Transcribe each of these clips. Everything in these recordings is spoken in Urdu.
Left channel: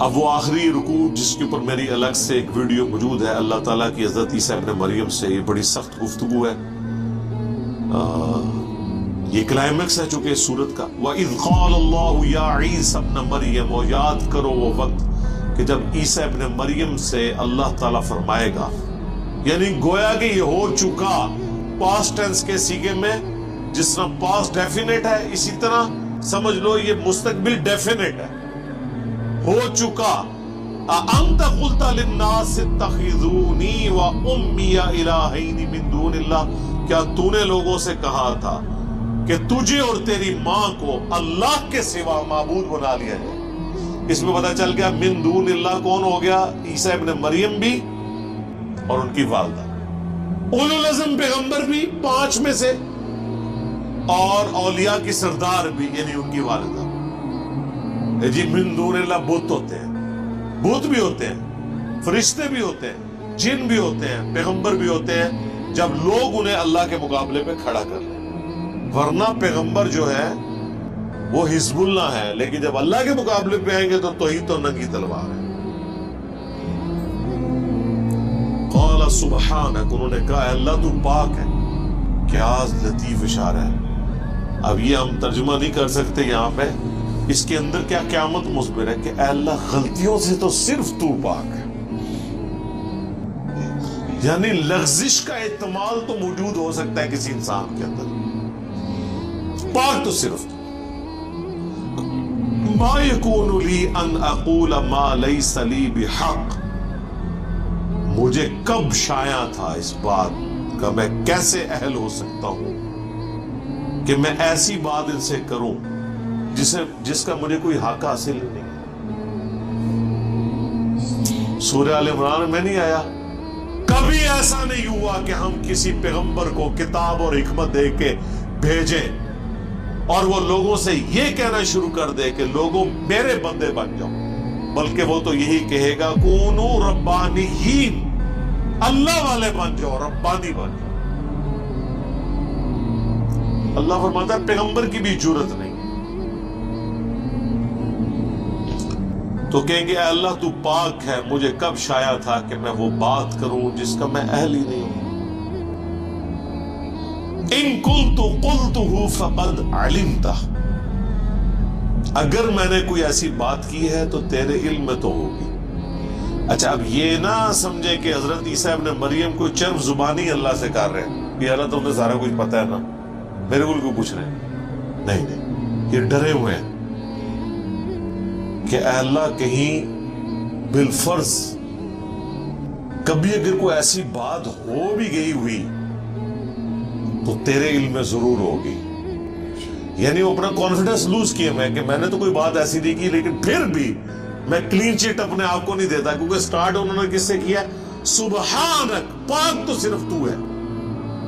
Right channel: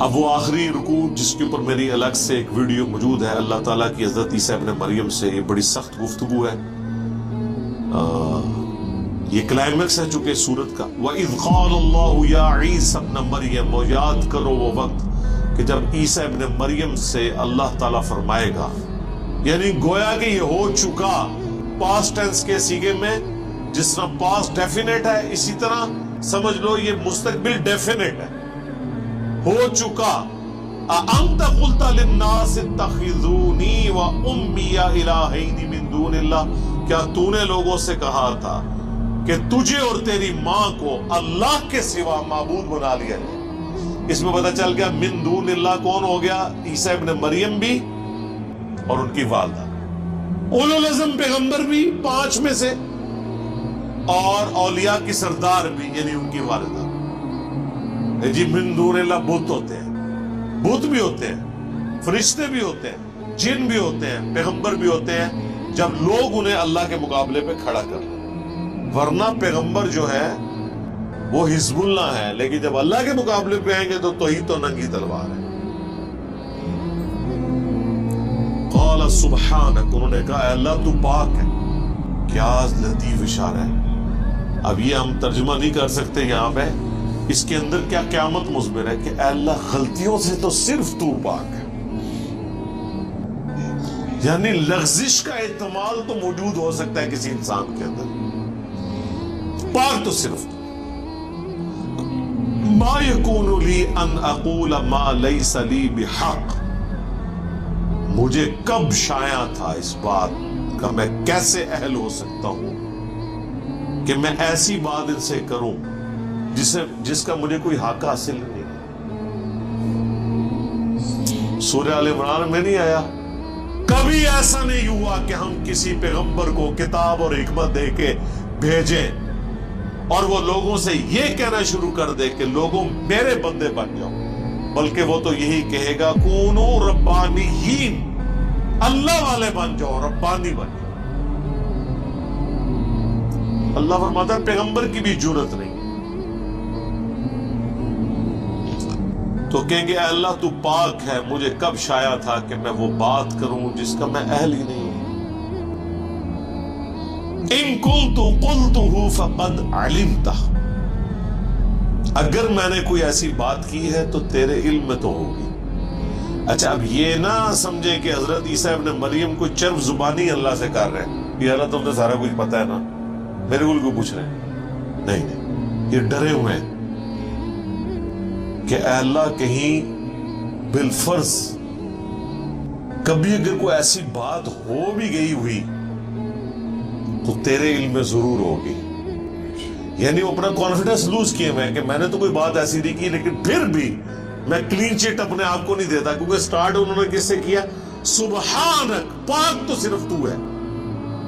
اب وہ آخری رکوع جس کے اوپر میری الگ سے ایک ویڈیو موجود ہے، اللہ تعالیٰ کی حضرت عیسیٰ ابن مریم سے، یہ بڑی سخت گفتگو ہے، یہ کلائمیکس ہے چونکہ سورت کا۔ وَإِذْ قَالَ اللَّهُ يَا عِيسَى ابْنَ مَرْيَمَ، اور یاد کرو وہ وقت کہ جب عیسیٰ ابن مریم سے اللہ تعالیٰ فرمائے گا، یعنی گویا کہ یہ ہو چکا پاسٹ ٹینس کے سیغے میں، جس طرح پاسٹ ڈیفینیٹ ہے اسی طرح سمجھ لو یہ مستقبل ڈیفینیٹ ہے، ہو چکا۔ أَأَنْتَ قُلْتَ لِلنَّاسِ اتَّخِذُونِي وَأُمِّيَ إِلَٰهَيْنِ مِن دُونِ اللَّهِ، کیا تو نے لوگوں سے کہا تھا کہ تجھے اور تیری ماں کو اللہ کے سوا معبود بنا لیا جائے؟ اس میں پتہ چل گیا من دون اللہ کون ہو گیا؟ عیسیٰ ابن مریم بھی اور ان کی والدہ، اولو العزم پیغمبر بھی 5 میں سے، اور اولیاء کی سردار بھی یعنی ان کی والدہ۔ جی من دون اللہ بت ہوتے ہیں، بت بھی ہوتے ہیں، فرشتے بھی ہوتے ہیں، جن بھی ہوتے ہیں، پیغمبر بھی ہوتے ہیں، جب لوگ انہیں اللہ کے مقابلے پہ کھڑا کر لیں، ورنہ پیغمبر جو ہے وہ حزب اللہ ہے، لیکن جب اللہ کے مقابلے پہ آئیں گے تو توحید تو ننگی تلوار ہے۔ قال سبحانک، انہوں نے کہا اللہ تو پاک ہے۔ کیا لطیف اشارہ ہے، اب یہ ہم ترجمہ نہیں کر سکتے یہاں پہ، اس کے اندر کیا قیامت مصبر ہے کہ اے اللہ غلطیوں سے تو صرف تو پاک ہے، یعنی لغزش کا احتمال تو موجود ہو سکتا ہے کسی انسان کے اندر، پاک تو صرف تو۔ ما یکون لی ان اقول ما لیس لی بحق، مجھے کب شایع تھا اس بات کا، میں کیسے اہل ہو سکتا ہوں کہ میں ایسی بات ان سے کروں جس کا مجھے کوئی حق حاصل نہیں۔ سورہ آل عمران میں نہیں آیا کبھی ایسا نہیں ہوا کہ ہم کسی پیغمبر کو کتاب اور حکمت دے کے بھیجیں اور وہ لوگوں سے یہ کہنا شروع کر دے کہ لوگوں میرے بندے بن جاؤ، بلکہ وہ تو یہی کہے گا کونو ربانیین، اللہ والے بن جاؤ، ربانی بن جاؤ۔ اللہ فرماتا ہے پیغمبر کی بھی جرت نہیں، تو کہیں گے اے اللہ تو پاک ہے، مجھے کب شایع تھا کہ میں وہ بات کروں جس کا میں اہل ہی نہیں۔ ان کنت قلتہ فقد علمتہ، اگر میں نے کوئی ایسی بات کی ہے تو تیرے علم میں تو ہوگی۔ اچھا اب یہ نہ سمجھے کہ حضرت عیسیٰ ابن مریم کو چرب زبانی اللہ سے کر رہے ہیں، یہ اللہ تو سارا کچھ پتہ ہے نا، میرے کو پوچھ رہے ہیں، نہیں، یہ ڈرے ہوئے ہیں کہ اے اللہ کہیں بالفرض کبھی اگر کوئی ایسی بات ہو بھی گئی ہوئی تو تیرے علم میں ضرور ہوگی، یعنی وہ اپنا کانفیڈنس لوز کیے ہوئے کہ میں نے تو کوئی بات ایسی نہیں کی، لیکن پھر بھی میں کلین چیٹ اپنے آپ کو نہیں دیتا، کیونکہ سٹارٹ انہوں نے کس سے کیا؟ سبحانک، پاک تو صرف تو ہے۔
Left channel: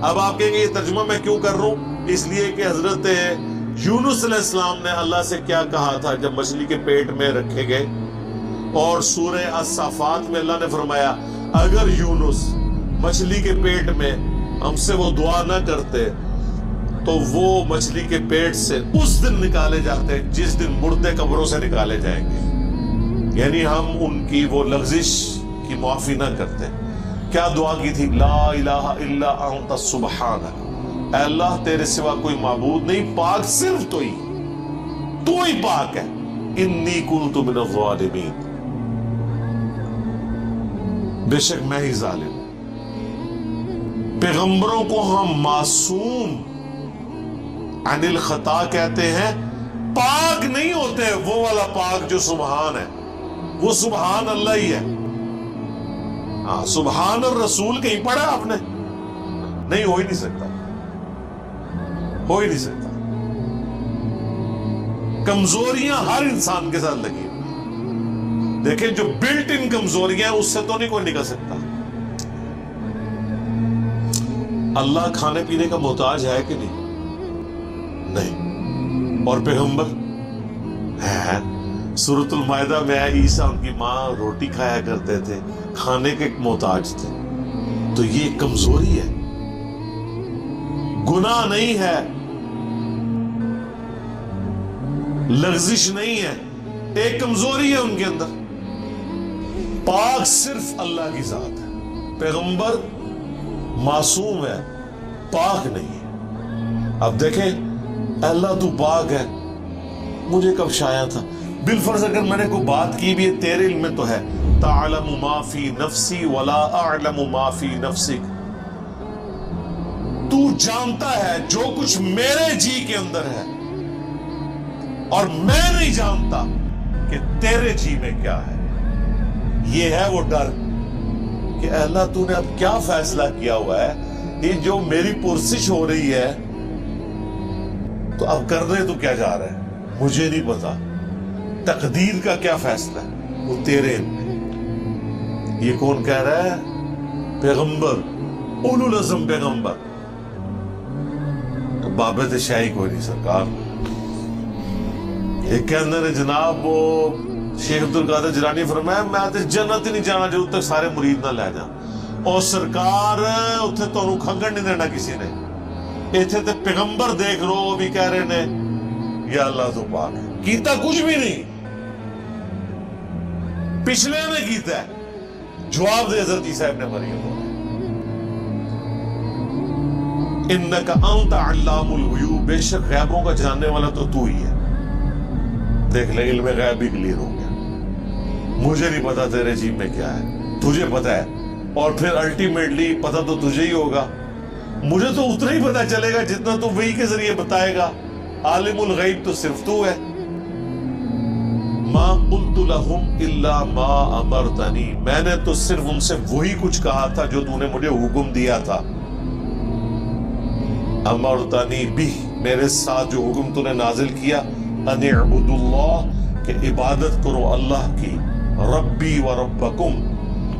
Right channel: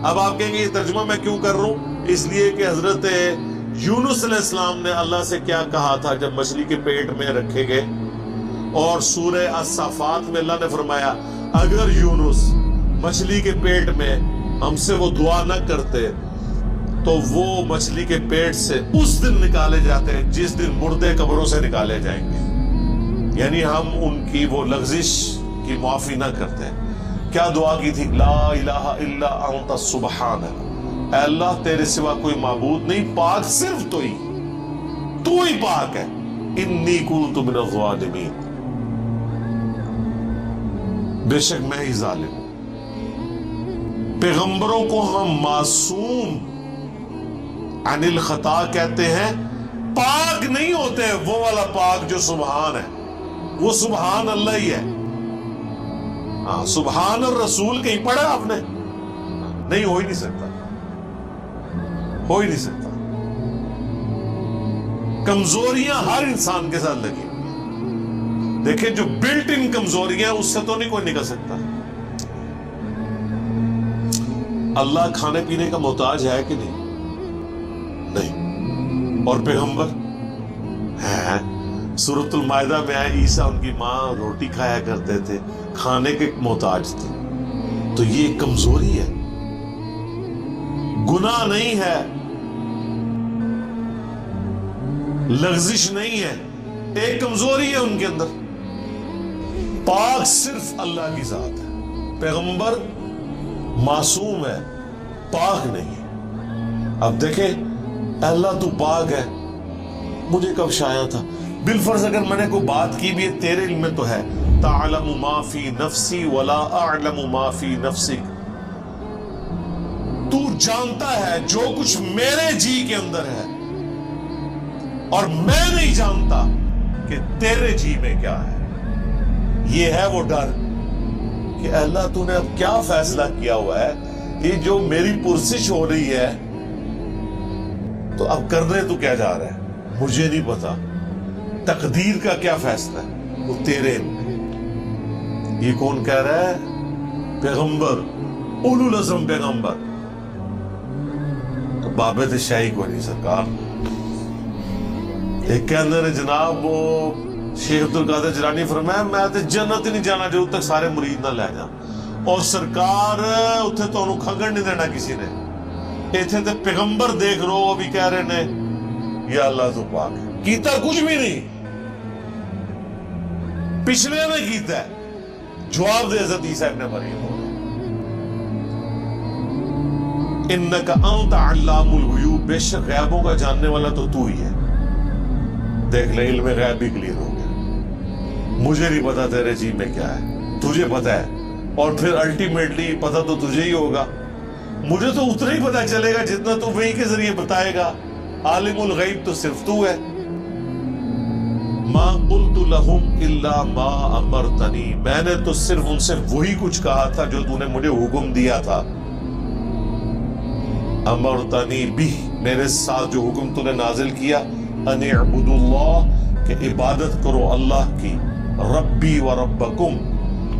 اب آپ کہیں گے یہ ترجمہ میں کیوں کر رہا ہوں؟ اس لیے کہ حضرت یونس علیہ السلام نے اللہ سے کیا کہا تھا جب مچھلی کے پیٹ میں رکھے گئے، اور سورہ الصافات میں اللہ نے فرمایا اگر یونس مچھلی کے پیٹ میں ہم سے وہ دعا نہ کرتے تو وہ مچھلی کے پیٹ سے اس دن نکالے جاتے ہیں جس دن مردے قبروں سے نکالے جائیں گے، یعنی ہم ان کی وہ لغزش کی معافی نہ کرتے۔ کیا دعا کی تھی؟ لا الہ الا انت سبحانک، اے اللہ تیرے سوا کوئی معبود نہیں، پاک صرف تو ہی پاک ہے، انی کنت من الظالمین، بے شک میں ہی ظالم۔ پیغمبروں کو ہم معصوم عن الخطا کہتے ہیں، پاک نہیں ہوتے، وہ والا پاک جو سبحان ہے، وہ سبحان اللہ ہی ہے۔ ہاں سبحان اور رسول کہیں پڑھا آپ نے؟ نہیں، ہو ہی نہیں سکتا، ہو ہی نہیں سکتا۔ کمزوریاں ہر انسان کے ساتھ لگی، دیکھیں جو بلٹ ان کمزوریاں اس سے تو نہیں کوئی نکل سکتا۔ اللہ کھانے پینے کا محتاج ہے کہ نہیں؟ اور پیغمبر ہے؟ سورۃ المائدہ میں ہے عیسیٰ ان کی ماں روٹی کھایا کرتے تھے، کھانے کے محتاج تھے، تو یہ کمزوری ہے، گناہ نہیں ہے، لغزش نہیں ہے، ایک کمزوری ہے ان کے اندر۔ پاک صرف اللہ کی ذات ہے، پیغمبر معصوم ہے، پاک نہیں۔ اب دیکھیں اللہ تو پاک ہے، مجھے کب شایا تھا؟ بالفرض اگر میں نے کوئی بات کی بھی تیرے علم میں تو ہے، تعلم ما فی نفسی ولا اعلم ما فی نفسک، تو جانتا ہے جو کچھ میرے جی کے اندر ہے اور میں نہیں جانتا کہ تیرے جی میں کیا ہے۔ یہ ہے وہ ڈر کہ اللہ تو نے اب کیا فیصلہ کیا ہوا ہے، یہ جو میری پرسش ہو رہی ہے تو اب کرنے تو کیا جا رہا ہے، مجھے نہیں پتا تقدیر کا کیا فیصلہ ہے، وہ تیرے علم میں۔ یہ کون کہہ رہا ہے؟ پیغمبر، اولو العزم پیغمبر۔ تو بابے دے شاہی کوئی نہیں سرکار۔ ایک کہندے نے جناب وہ شیخ عبدالقادر جیلانی فرمایا میں تے جنت ہی نہیں جانا جب تک سارے مرید نہ لے جا، اور سرکار اتنے تو انہوں کھنگن نہیں دینا کسی نے، ایتھے تے پیغمبر دیکھ رو وہ بھی کہہ رہے نے یا اللہ تو پاک ہے، کیتا کچھ بھی نہیں، پچھلے نے کیتا ہے۔ جواب دے حضرت عیسیٰ ابن مریم، انکا انت علام الغیوب، بے شک غیبوں کا جاننے والا تو تو ہی ہے۔ دیکھ لے علم غیب بھی کلیئر ہو گیا، مجھے نہیں پتا تیرے جی میں کیا ہے، تجھے پتا ہے، اور پھر الٹیمیٹلی پتا تو تجھے ہی ہوگا، مجھے تو اتنا ہی پتا چلے گا جتنا تو وہی کے ذریعے بتائے گا، عالم الغیب تو صرف تو ہے۔ ما قلت لهم الا ما امرتنی، میں نے تو صرف ان سے وہی کچھ کہا تھا جو تو نے مجھے حکم دیا تھا۔ امرتنی بھی، میرے ساتھ جو حکم تو نے نازل کیا، ان اعبدوا اللہ، کہ عبادت کرو اللہ کی، ربی و ربکم،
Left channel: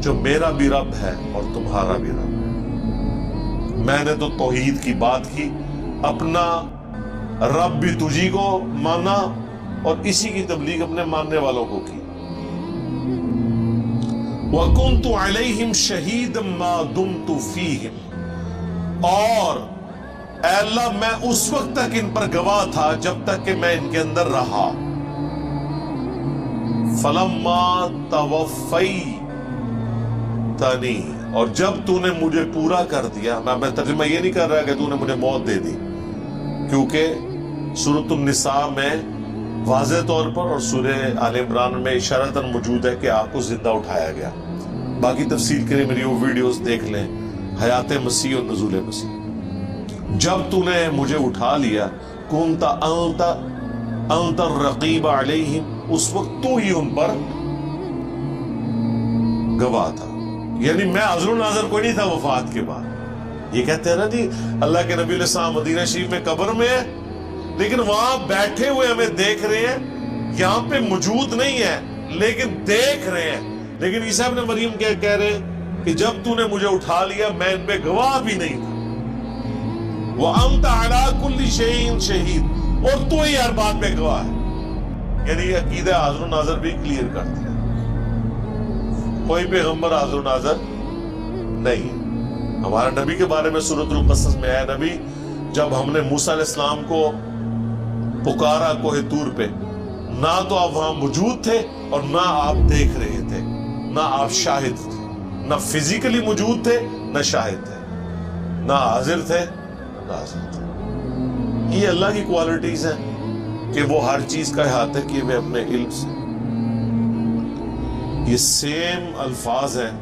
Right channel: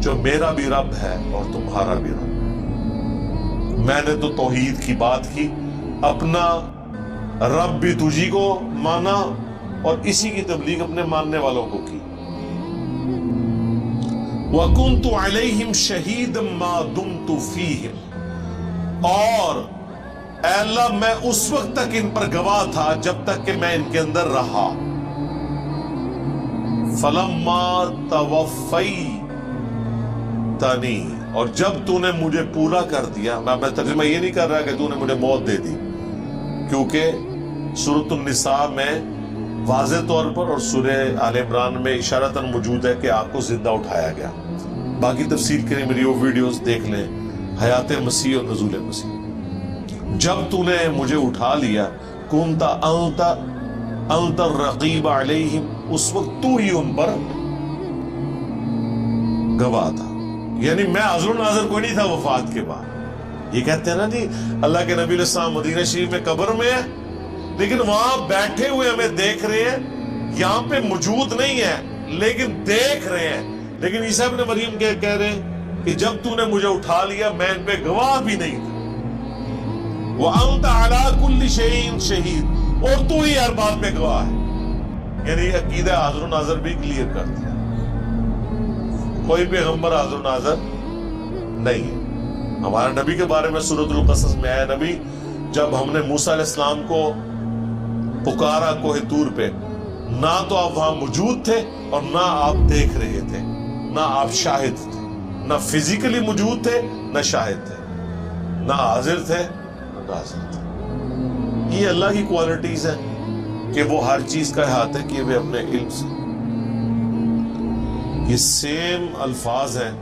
جو میرا بھی رب ہے اور تمہارا بھی رب ہے۔ میں نے تو توحید کی بات کی، اپنا رب بھی تجھی کو مانا اور اسی کی تبلیغ اپنے ماننے والوں کو کی۔ وَكُنْتُ عَلَيْهِمْ شَهِيدًا مَا دُمْتُ فِيهِمْ، اور اے اللہ میں اس وقت تک ان پر گواہ تھا جب تک کہ میں ان کے اندر رہا۔ فَلَمَّا تَوَفَّيْتَنِي، اور جب تو نے مجھے پورا کر دیا، میں ترجمہ یہ نہیں کر رہا کہ تو نے مجھے موت دے دی، کیونکہ سورۃ النساء میں واضح طور پر اور سورہ آل عمران میں اشارتاً موجود ہے کہ آپ کو زندہ اٹھایا گیا۔ باقی تفصیل کے لیے میری وہ ویڈیوز دیکھ لیں، حیات مسیح اور نزول مسیح۔ جب تو نے مجھے اٹھا لیا، کنت انت الرقیب علیہم، اس وقت تو ہی ان پر گواہ تھا، یعنی میں حاضر و ناظر کوئی نہیں تھا وفات کے بعد۔ یہ کہتے ہیں نا جی اللہ کے نبی علیہ السلام مدینہ شریف میں قبر میں ہے، لیکن وہاں بیٹھے ہوئے ہمیں دیکھ رہے ہیں، یہاں پہ موجود نہیں ہے لیکن دیکھ رہے ہیں۔ لیکن عیسیٰ ابن مریم کہہ رہے ہیں کہ جب تو نے مجھے اٹھا لیا میں ان پہ گواہ بھی نہیں تھا۔ وَأَنْتَ عَلَىٰ كُلِّ شَيْءٍ شَهِيدٌ، اور تو ہی ہر بات پہ گواہ ہے۔ یعنی یہ عقیدہ حاضر و ناظر بھی کلیئر کر دیا، کوئی پیغمبر حاضر و ناظر نہیں ہے۔ ہمارے نبی کے بارے میں سورۃ القصص میں ہے، نبی جب ہم نے موسیٰ علیہ السلام کو پکارا کوہ طور پہ، نہ تو آپ وہاں موجود تھے اور نہ آپ دیکھ رہے تھے، نہ آپ شاہد تھے، نہ فزیکلی موجود تھے نہ شاہد تھے، نہ حاضر تھے نہ ناظر تھے۔ یہ اللہ کی کوالٹیز ہیں کہ وہ ہر چیز کا احاطہ کیے ہوئے اپنے علم سے۔ یہ سیم الفاظ ہیں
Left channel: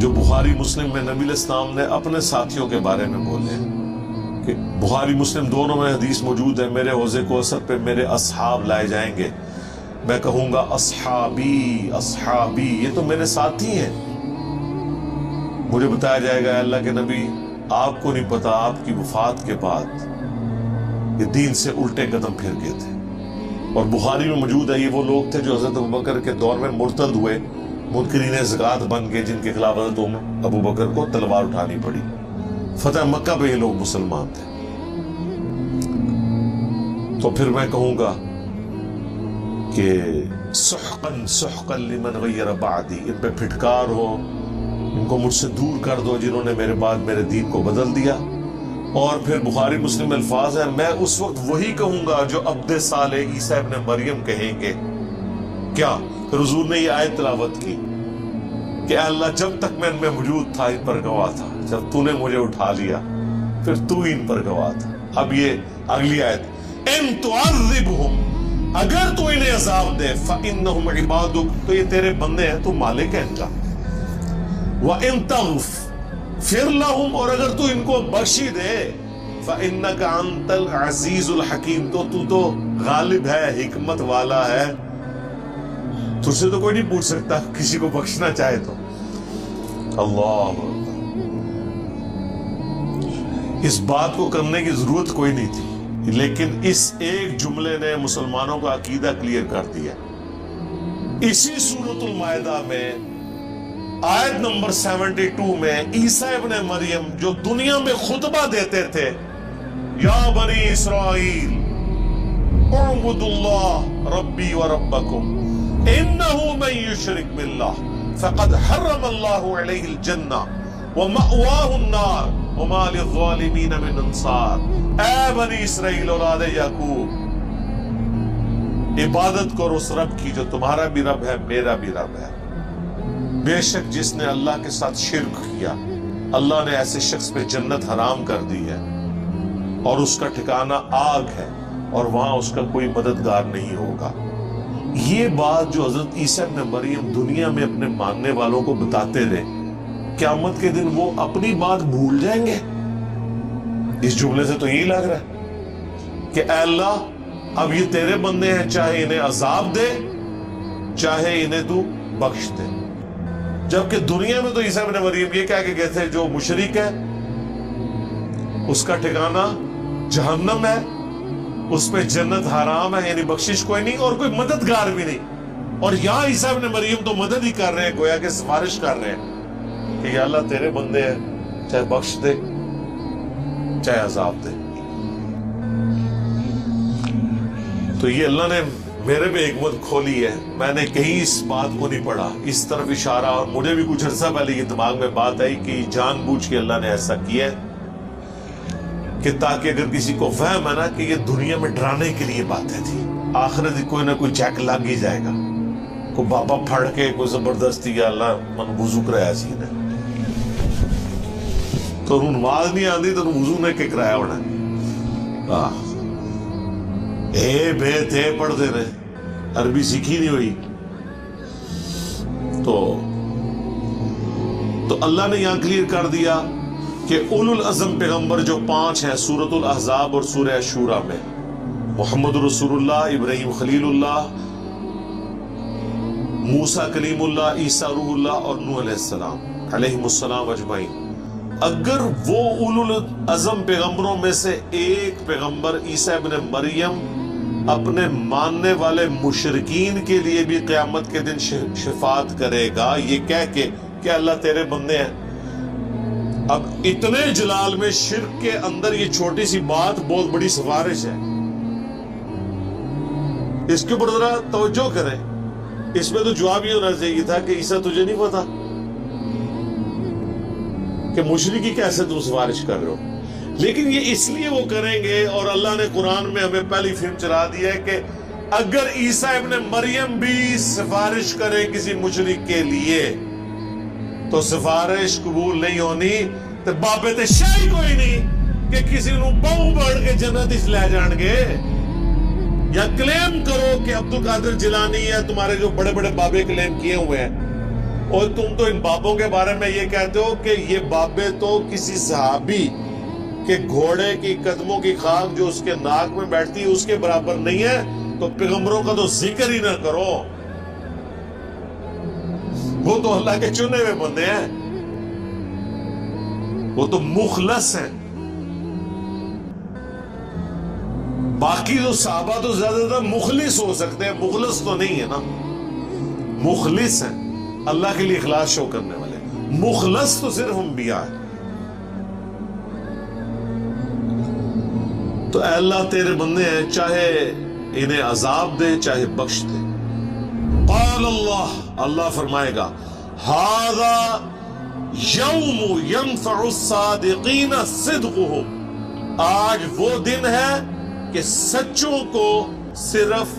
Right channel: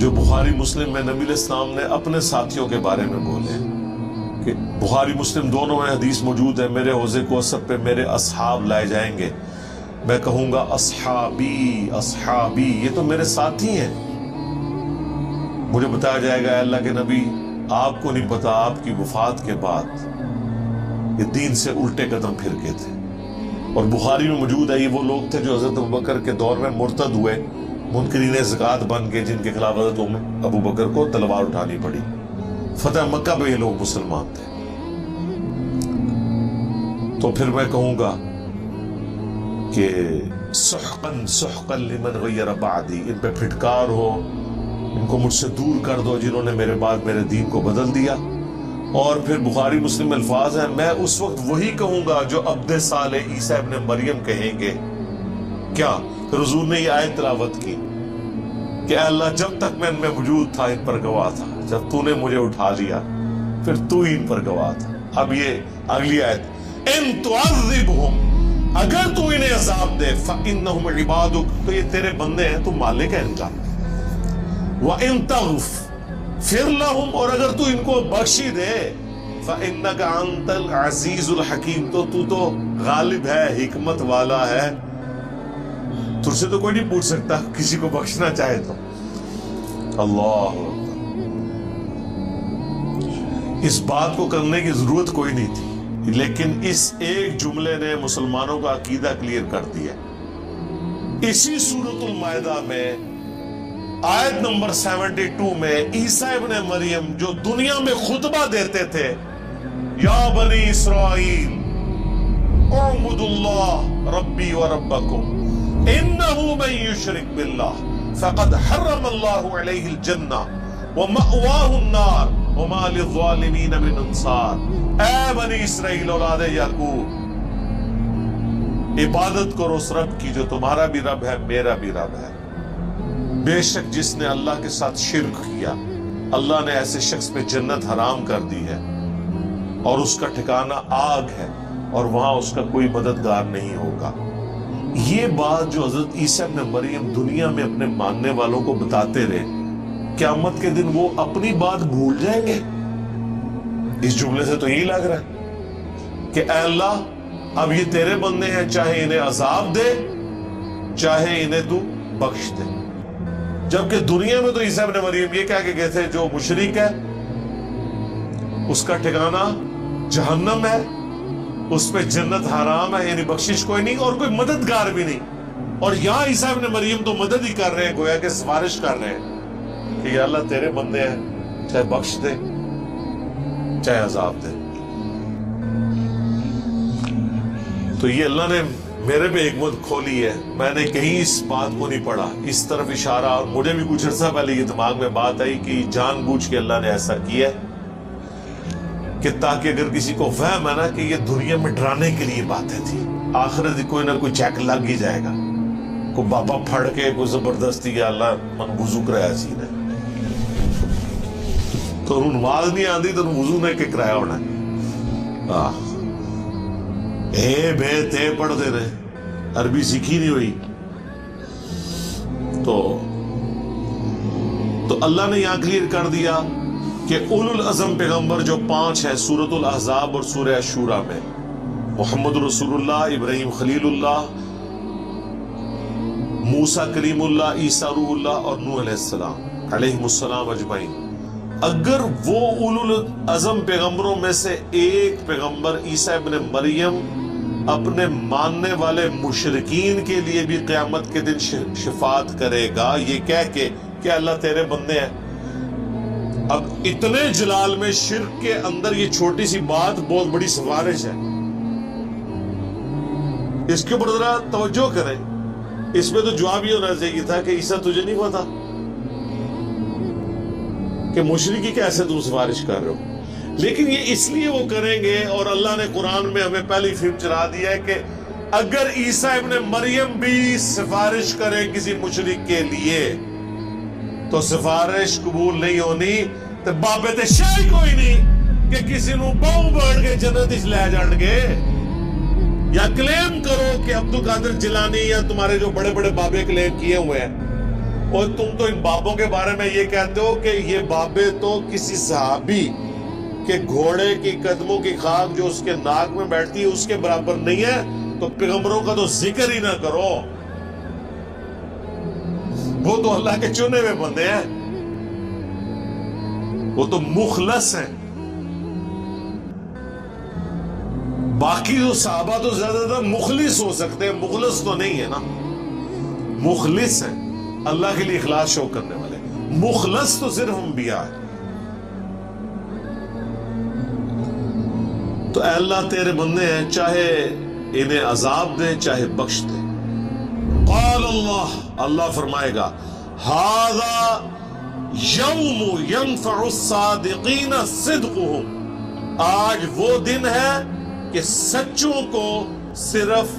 جو بخاری مسلم میں نبی علیہ السلام نے اپنے ساتھیوں کے بارے میں بولے، کہ بخاری مسلم دونوں میں حدیث موجود ہے، میرے حوض کوثر پہ میرے اصحاب لائے جائیں گے، میں کہوں گا اصحابی اصحابی، یہ تو میرے ساتھی ہیں۔ مجھے بتایا جائے گا اللہ کے نبی آپ کو نہیں پتا آپ کی وفات کے بعد یہ دین سے الٹے قدم پھر گئے تھے۔ اور بخاری میں موجود ہے یہ وہ لوگ تھے جو حضرت ابوبکر کے دور میں مرتد ہوئے، منکرین زکوٰۃ بن گئے، جن کے خلاف حضرت ابوبکر کو تلوار اٹھانی پڑی۔ فتح مکہ میں یہ لوگ مسلمان تھے۔ تو پھر میں کہوں گا کہ سحقاً سحقاً لمن غیر بعدی، ان پہ پھٹکار ہو، ان کو مجھ سے دور کر دو جنہوں نے میرے بعد میرے دین کو بدل دیا۔ اور پھر بخاری مسلم الفاظ ہیں، میں اس وقت وہی کہوں گا جو عبد صالح عیسیٰ ابن مریم کہیں گے، کیا؟ پھر حضور نے یہ آیت تلاوت کی کہ اللہ جب تک میں ان میں موجود تھا ان پر گواہ تھا، جب تو نے مجھے اٹھا لیا پھر تو ہی ان پر گواہ تھا۔ اب یہ اگلی آیت، ان تعذبہم، اگر تو انہیں عذاب دے، فإنہم عبادک، تو یہ تیرے بندے ہیں، تو مالک ہے ان کا، وإن تغفر لہم، اور اگر تو ان کو بخشی دے، فإنک انت العزیز الحکیم، تو غالب ہے، حکمت والا ہے، تجھ سے تو کوئی نہیں پوچھ سکتا کسی کو بخشنا چاہے تو۔ اللہ، اس بات کو کرنے کی ضرورت کوئی نہیں تھی، لیکن اس ایک جملے نے مسلمانوں کا عقیدہ کلیئر کر دیا۔ اسی سورۃ المائدہ میں آیت نمبر 72 میں عیسیٰ ابن مریم جو دنیا میں خطبہ دیتے تھے، یا بنی اسرائیل اعبدوا اللہ ربی و ربکم انہو من یشرک باللہ فقد حرم اللہ علیہ الجنہ ومأواہ النار وما للظالمین من انصار۔ اے بنی اسرائیل اولاد یعقوب، عبادت کرو اس رب کی جو تمہارا بھی رب ہے، میرا بھی رب ہے۔ بے شک جس نے اللہ کے ساتھ شرک کیا، اللہ نے ایسے شخص پہ جنت حرام کر دی ہے اور اس کا ٹھکانہ آگ ہے اور وہاں اس کا کوئی مددگار نہیں ہوگا۔ یہ بات جو حضرت عیسیٰ ابن مریم دنیا میں اپنے ماننے والوں کو بتاتے رہے، قیامت کے دن وہ اپنی بات بھول جائیں گے؟ اس جملے سے تو یہی لگ رہا ہے کہ اے اللہ اب یہ تیرے بندے ہیں، چاہے انہیں عذاب دے چاہے انہیں تو بخش دے۔ جبکہ دنیا میں تو عیسیٰ ابن مریم یہ کہہ کے گئے تھے جو مشرک ہے اس کا ٹھکانہ جہنم ہے، اس پہ جنت حرام ہے، یعنی بخشش کوئی نہیں اور کوئی مددگار بھی نہیں۔ اور یہاں عیسیٰ ابن مریم تو مدد ہی کر رہے ہیں، گویا کہ سفارش کر رہے ہیں کہ یا اللہ تیرے بندے ہیں، چاہے بخش دے چاہے عذاب دے۔ تو یہ اللہ نے میرے پہ حکمت کھولی ہے، میں نے کہیں اس بات کو نہیں پڑھا، اس طرف اشارہ، اور مجھے بھی کچھ عرصہ پہلے یہ دماغ میں بات آئی کہ جان بوجھ کے اللہ نے ایسا کیا ہے کہ تاکہ اگر کسی کو فہم ہے نا کہ یہ دنیا میں ڈرانے کے لیے باتیں تھی، آخرت کوئی نہ کوئی چیک لگ ہی جائے گا، کوئی بابا پھڑ کے کوئی زبردستی یا اللہ من وضو کرایا سی نے، تو نماز نہیں آتی تو وضو نے کہ کرایا ہونا ہے، اے بے تے پڑھ دے رہے، عربی سیکھی نہیں ہوئی۔ تو اللہ نے یہاں کلیئر کر دیا کہ اولو العزم پیغمبر جو 5 ہیں سورۃ الاحزاب اور سورہ شورى میں، محمد رسول اللہ، ابراہیم خلیل اللہ، موسیٰ کلیم اللہ، عیسیٰ روح اللہ اور نوح علیہ السلام علیہم السلام اجمعین، اگر وہ اولو العزم پیغمبروں میں سے ایک پیغمبر عیسیٰ ابن مریم اپنے ماننے والے مشرکین کے لیے بھی قیامت کے دن شفاعت کرے گا یہ کہہ کے کہ اللہ تیرے بندے ہیں، اب اتنے جلال میں شرک کے اندر یہ چھوٹی سی بات بہت بڑی سفارش ہے، اس کے اوپر ذرا توجہ کریں۔ اس میں تو جواب یہ ہونا چاہیے تھا کہ عیسیٰ تجھے نہیں پتا کہ مشرکی کیسے تو سفارش کر رہے ہو، لیکن یہ اس لیے وہ کریں گے، اور اللہ نے قرآن میں ہمیں پہلی فلم چلا دی ہے کہ اگر عیسیٰ ابن مریم بھی سفارش کرے کسی مشرک کے لیے تو سفارش قبول نہیں ہونی، تو بابے تے شاہی کوئی نہیں کہ کسی نو باؤں بڑھ کے جنت اس لے جان گے، یا کلیم کرو کہ عبدالقادر جیلانی یا تمہارے جو بڑے بڑے بابے کلیم کیے ہوئے ہیں، اور تم تو ان بابوں کے بارے میں یہ کہتے ہو کہ یہ بابے تو کسی صحابی کہ گھوڑے کی قدموں کی خاک جو اس کے ناک میں بیٹھتی ہے اس کے برابر نہیں ہے، تو پیغمبروں کا تو ذکر ہی نہ کرو، وہ تو اللہ کے چنے ہوئے بندے ہیں، وہ تو مخلص ہیں۔ باقی جو صحابہ تو زیادہ تر مخلص ہو سکتے ہیں، مخلص تو نہیں ہے نا، مخلص ہیں اللہ کے لیے اخلاص شو کرنے والے، مخلص تو صرف انبیاء ہیں۔ تو اے اللہ تیرے بندے ہیں، چاہے انہیں عذاب دے چاہے بخش دے۔ قال اللہ فرمائے گا ھذا یوم ینفع الصادقین صدقہم، آج وہ دن ہے کہ سچوں کو صرف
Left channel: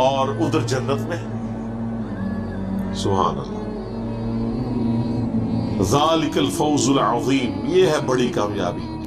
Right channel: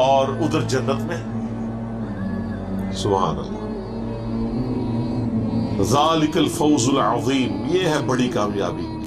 اور ادھر جنت میں. سبحان اللہ. ذالک الفوز العظیم، یہ ہے بڑی کامیابی.